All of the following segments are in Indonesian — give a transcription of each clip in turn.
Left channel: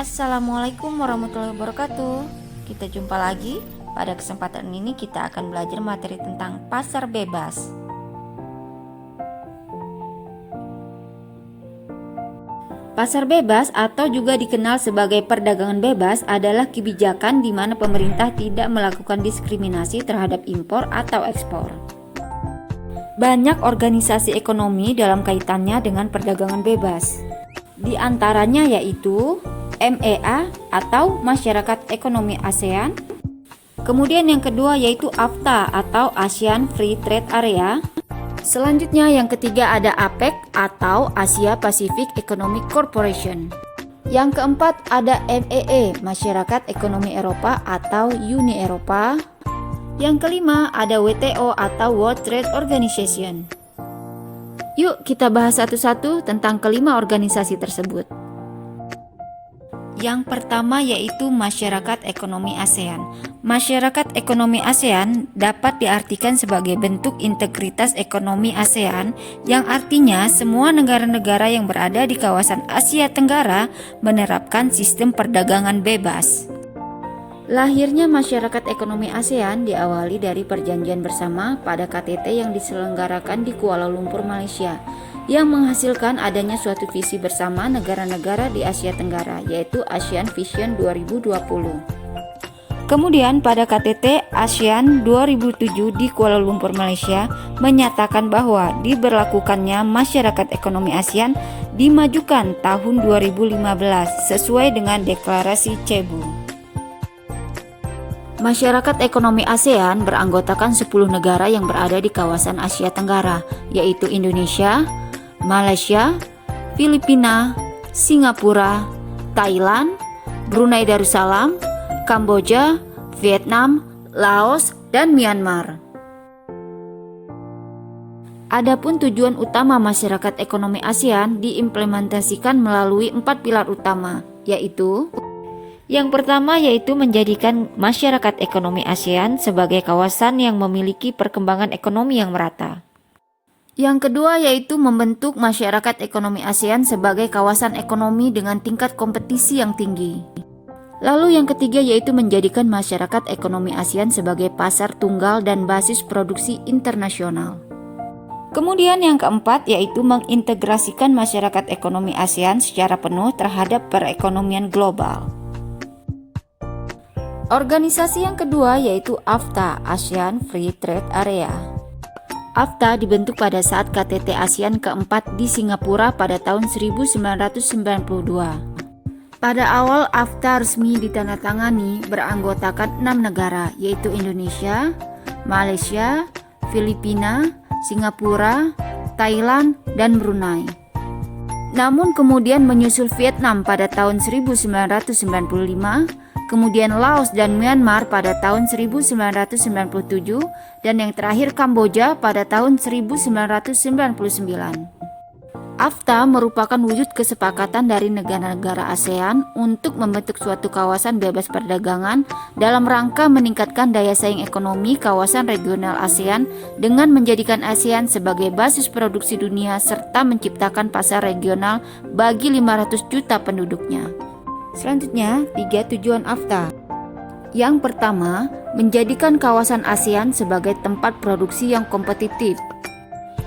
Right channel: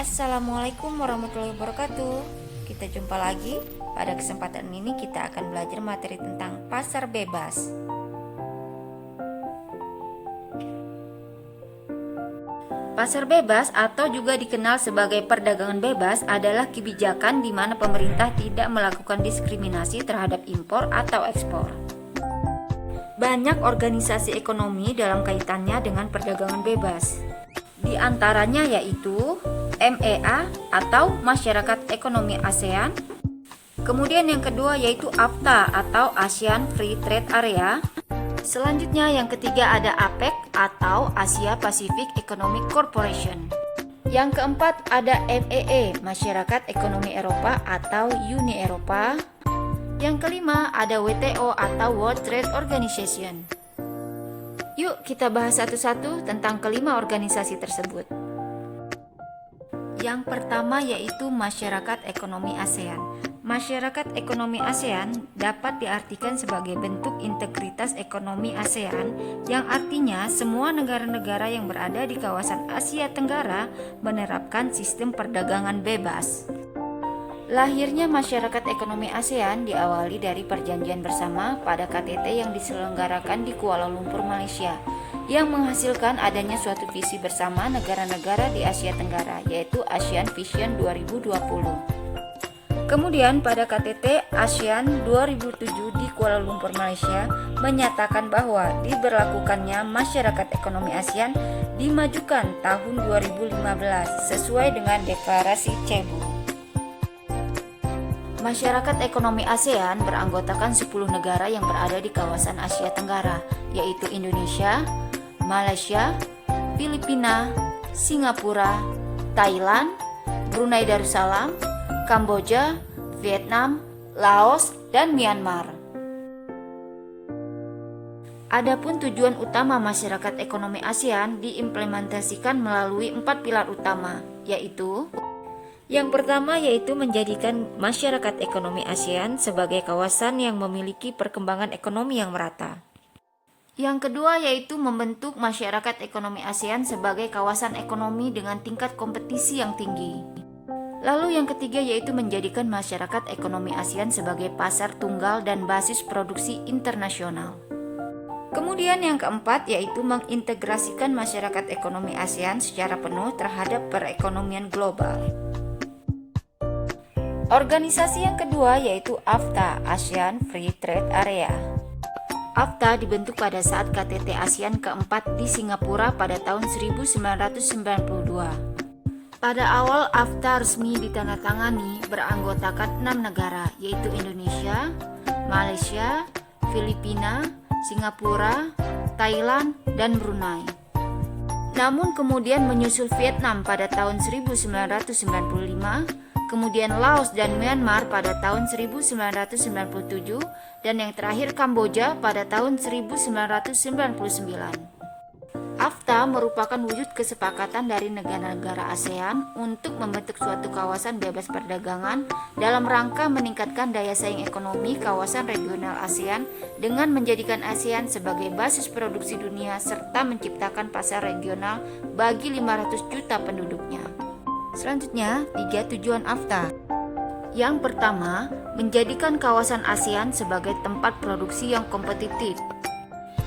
Assalamualaikum warahmatullahi wabarakatuh. Kita jumpa lagi. Pada kesempatan ini kita akan belajar materi tentang pasar bebas. Pasar bebas atau juga dikenal sebagai perdagangan bebas adalah kebijakan di mana pemerintah tidak melakukan diskriminasi terhadap impor atau ekspor. Banyak organisasi ekonomi dalam kaitannya dengan perdagangan bebas. Di antaranya yaitu MEA atau Masyarakat Ekonomi ASEAN. Kemudian yang kedua yaitu AFTA atau ASEAN Free Trade Area. Selanjutnya yang ketiga ada APEC atau Asia Pacific Economic Corporation. Yang keempat ada MEE, Masyarakat Ekonomi Eropa atau Uni Eropa. Yang kelima ada WTO atau World Trade Organization. Yuk kita bahas satu-satu tentang kelima organisasi tersebut. Yang pertama yaitu Masyarakat Ekonomi ASEAN. Masyarakat Ekonomi ASEAN dapat diartikan sebagai bentuk integritas ekonomi ASEAN yang artinya semua negara-negara yang berada di kawasan Asia Tenggara menerapkan sistem perdagangan bebas. Lahirnya Masyarakat Ekonomi ASEAN diawali dari perjanjian bersama pada KTT yang diselenggarakan di Kuala Lumpur, Malaysia, yang menghasilkan adanya suatu visi bersama negara-negara di Asia Tenggara, yaitu ASEAN Vision 2020. Kemudian pada KTT ASEAN 2007 di Kuala Lumpur, Malaysia, menyatakan bahwa diberlakukannya Masyarakat Ekonomi ASEAN dimajukan tahun 2015 sesuai dengan Deklarasi Cebu. Masyarakat Ekonomi ASEAN beranggotakan 10 negara yang berada di kawasan Asia Tenggara, yaitu Indonesia, Malaysia, Filipina, Singapura, Thailand, Brunei Darussalam, Kamboja, Vietnam, Laos, dan Myanmar. Adapun tujuan utama Masyarakat Ekonomi ASEAN diimplementasikan melalui 4 pilar utama, yaitu yang pertama yaitu menjadikan Masyarakat Ekonomi ASEAN sebagai kawasan yang memiliki perkembangan ekonomi yang merata. Yang kedua yaitu membentuk Masyarakat Ekonomi ASEAN sebagai kawasan ekonomi dengan tingkat kompetisi yang tinggi. Lalu yang ketiga yaitu menjadikan Masyarakat Ekonomi ASEAN sebagai pasar tunggal dan basis produksi internasional. Kemudian yang keempat yaitu mengintegrasikan Masyarakat Ekonomi ASEAN secara penuh terhadap perekonomian global. Organisasi yang kedua yaitu AFTA, ASEAN Free Trade Area. AFTA dibentuk pada saat KTT ASEAN keempat di Singapura pada tahun 1992. Pada awal AFTA resmi ditandatangani beranggotakan 6 negara yaitu Indonesia, Malaysia, Filipina, Singapura, Thailand, dan Brunei. Namun kemudian menyusul Vietnam pada tahun 1995, kemudian Laos dan Myanmar pada tahun 1997, dan yang terakhir Kamboja pada tahun 1999. AFTA merupakan wujud kesepakatan dari negara-negara ASEAN untuk membentuk suatu kawasan bebas perdagangan dalam rangka meningkatkan daya saing ekonomi kawasan regional ASEAN dengan menjadikan ASEAN sebagai basis produksi dunia serta menciptakan pasar regional bagi 500 juta penduduknya. Selanjutnya, 3 tujuan AFTA. Yang pertama, menjadikan kawasan ASEAN sebagai tempat produksi yang kompetitif.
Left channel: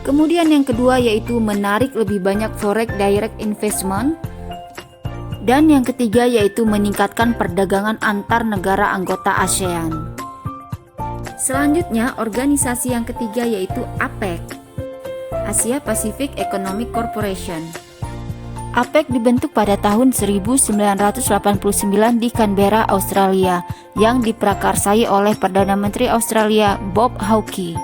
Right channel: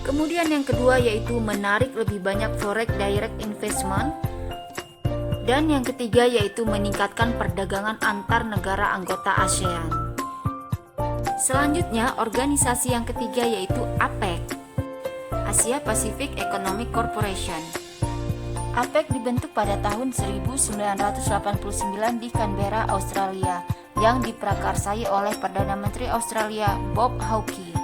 Kemudian yang kedua yaitu menarik lebih banyak foreign direct investment. Dan yang ketiga yaitu meningkatkan perdagangan antar negara anggota ASEAN. Selanjutnya, organisasi yang ketiga yaitu APEC, Asia Pacific Economic Corporation. APEC dibentuk pada tahun 1989 di Canberra, Australia, yang diprakarsai oleh Perdana Menteri Australia Bob Hawke.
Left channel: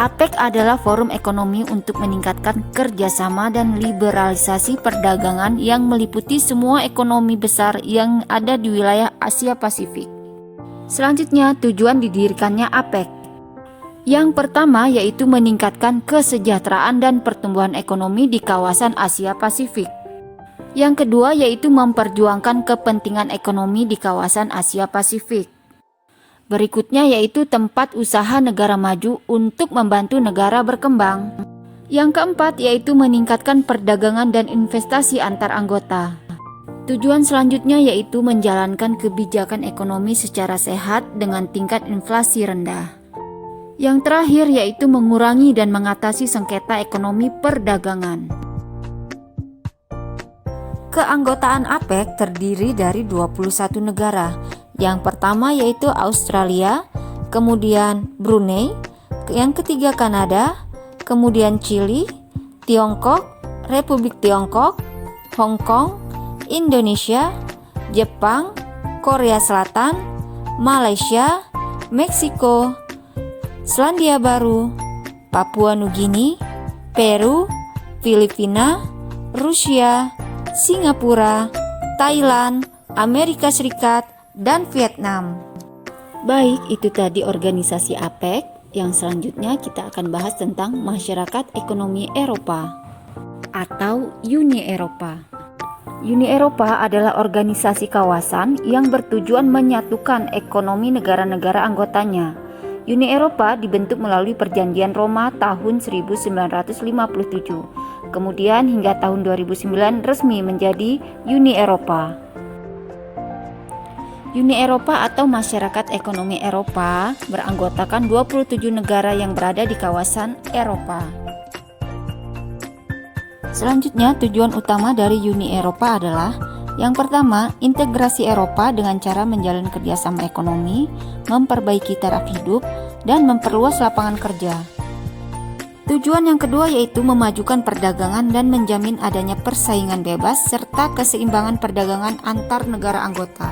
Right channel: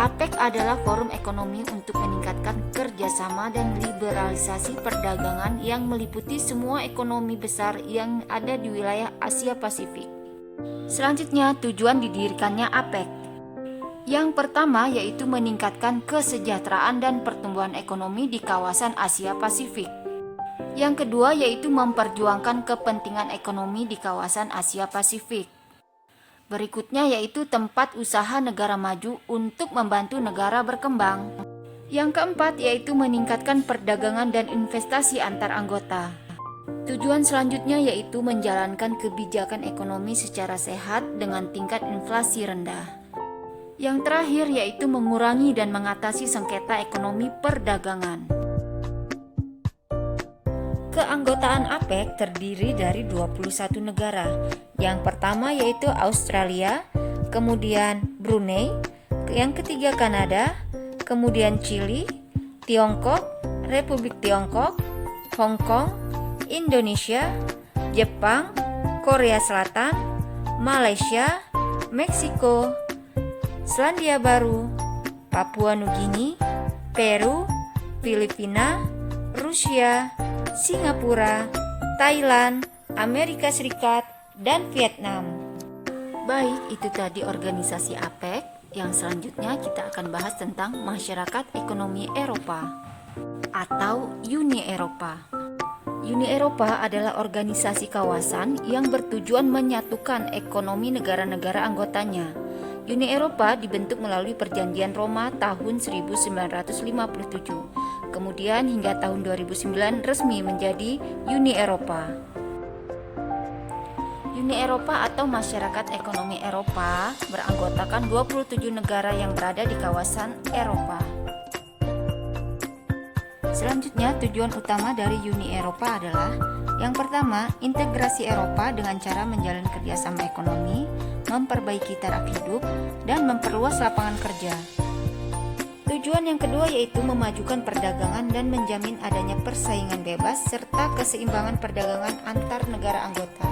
APEC adalah forum ekonomi untuk meningkatkan kerjasama dan liberalisasi perdagangan yang meliputi semua ekonomi besar yang ada di wilayah Asia Pasifik. Selanjutnya, tujuan didirikannya APEC. Yang pertama yaitu meningkatkan kesejahteraan dan pertumbuhan ekonomi di kawasan Asia Pasifik. Yang kedua yaitu memperjuangkan kepentingan ekonomi di kawasan Asia Pasifik. Berikutnya yaitu tempat usaha negara maju untuk membantu negara berkembang. Yang keempat yaitu meningkatkan perdagangan dan investasi antar anggota. Tujuan selanjutnya yaitu menjalankan kebijakan ekonomi secara sehat dengan tingkat inflasi rendah. Yang terakhir yaitu mengurangi dan mengatasi sengketa ekonomi perdagangan. Keanggotaan APEC terdiri dari 21 negara. Yang pertama yaitu Australia, kemudian Brunei, yang ketiga Kanada, kemudian Chili, Tiongkok, Republik Tiongkok, Hong Kong, Indonesia, Jepang, Korea Selatan, Malaysia, Meksiko, Selandia Baru, Papua Nugini, Peru, Filipina, Rusia, Singapura, Thailand, Amerika Serikat, dan Vietnam. Baik, itu tadi organisasi APEC. Yang selanjutnya kita akan bahas tentang Masyarakat Ekonomi Eropa atau Uni Eropa. Uni Eropa adalah organisasi kawasan yang bertujuan menyatukan ekonomi negara-negara anggotanya. Uni Eropa dibentuk melalui Perjanjian Roma tahun 1957. Kemudian hingga tahun 2009 resmi menjadi Uni Eropa. Uni Eropa atau Masyarakat Ekonomi Eropa beranggotakan 27 negara yang berada di kawasan Eropa. Selanjutnya, tujuan utama dari Uni Eropa adalah yang pertama, integrasi Eropa dengan cara menjalin kerjasama ekonomi, memperbaiki taraf hidup, dan memperluas lapangan kerja. Tujuan yang kedua yaitu memajukan perdagangan dan menjamin adanya persaingan bebas serta keseimbangan perdagangan antar negara anggota.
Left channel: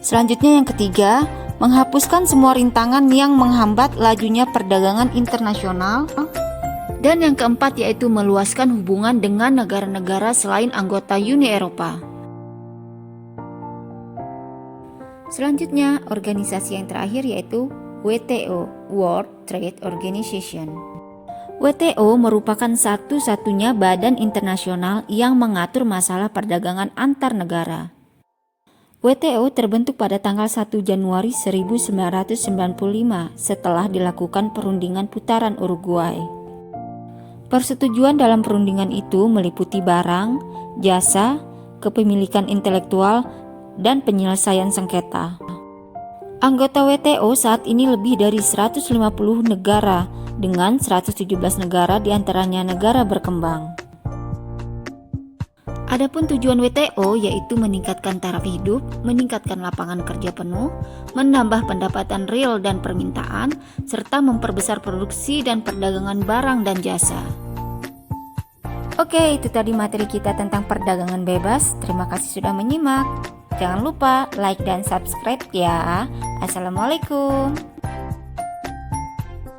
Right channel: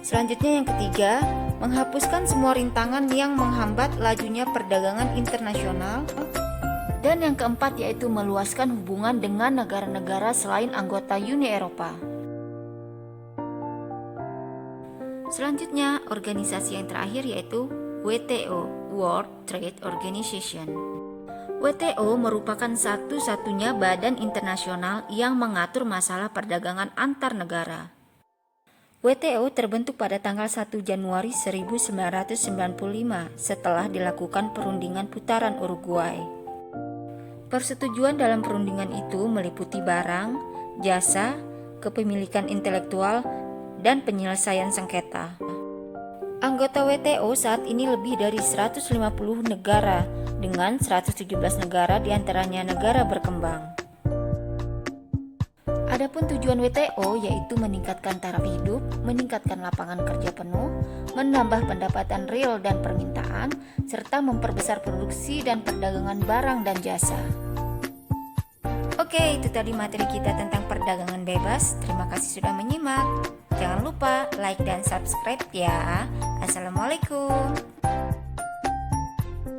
Selanjutnya yang ketiga, menghapuskan semua rintangan yang menghambat lajunya perdagangan internasional. Dan yang keempat yaitu meluaskan hubungan dengan negara-negara selain anggota Uni Eropa. Selanjutnya, organisasi yang terakhir yaitu WTO, World Trade Organization. WTO merupakan satu-satunya badan internasional yang mengatur masalah perdagangan antar negara. WTO terbentuk pada tanggal 1 Januari 1995 setelah dilakukan perundingan putaran Uruguay. Persetujuan dalam perundingan itu meliputi barang, jasa, kepemilikan intelektual, dan penyelesaian sengketa. Anggota WTO saat ini lebih dari 150 negara dengan 117 negara diantaranya negara berkembang. Adapun tujuan WTO yaitu meningkatkan taraf hidup, meningkatkan lapangan kerja penuh, menambah pendapatan real dan permintaan, serta memperbesar produksi dan perdagangan barang dan jasa. Oke, itu tadi materi kita tentang perdagangan bebas. Terima kasih sudah menyimak. Jangan lupa like dan subscribe ya. Assalamualaikum.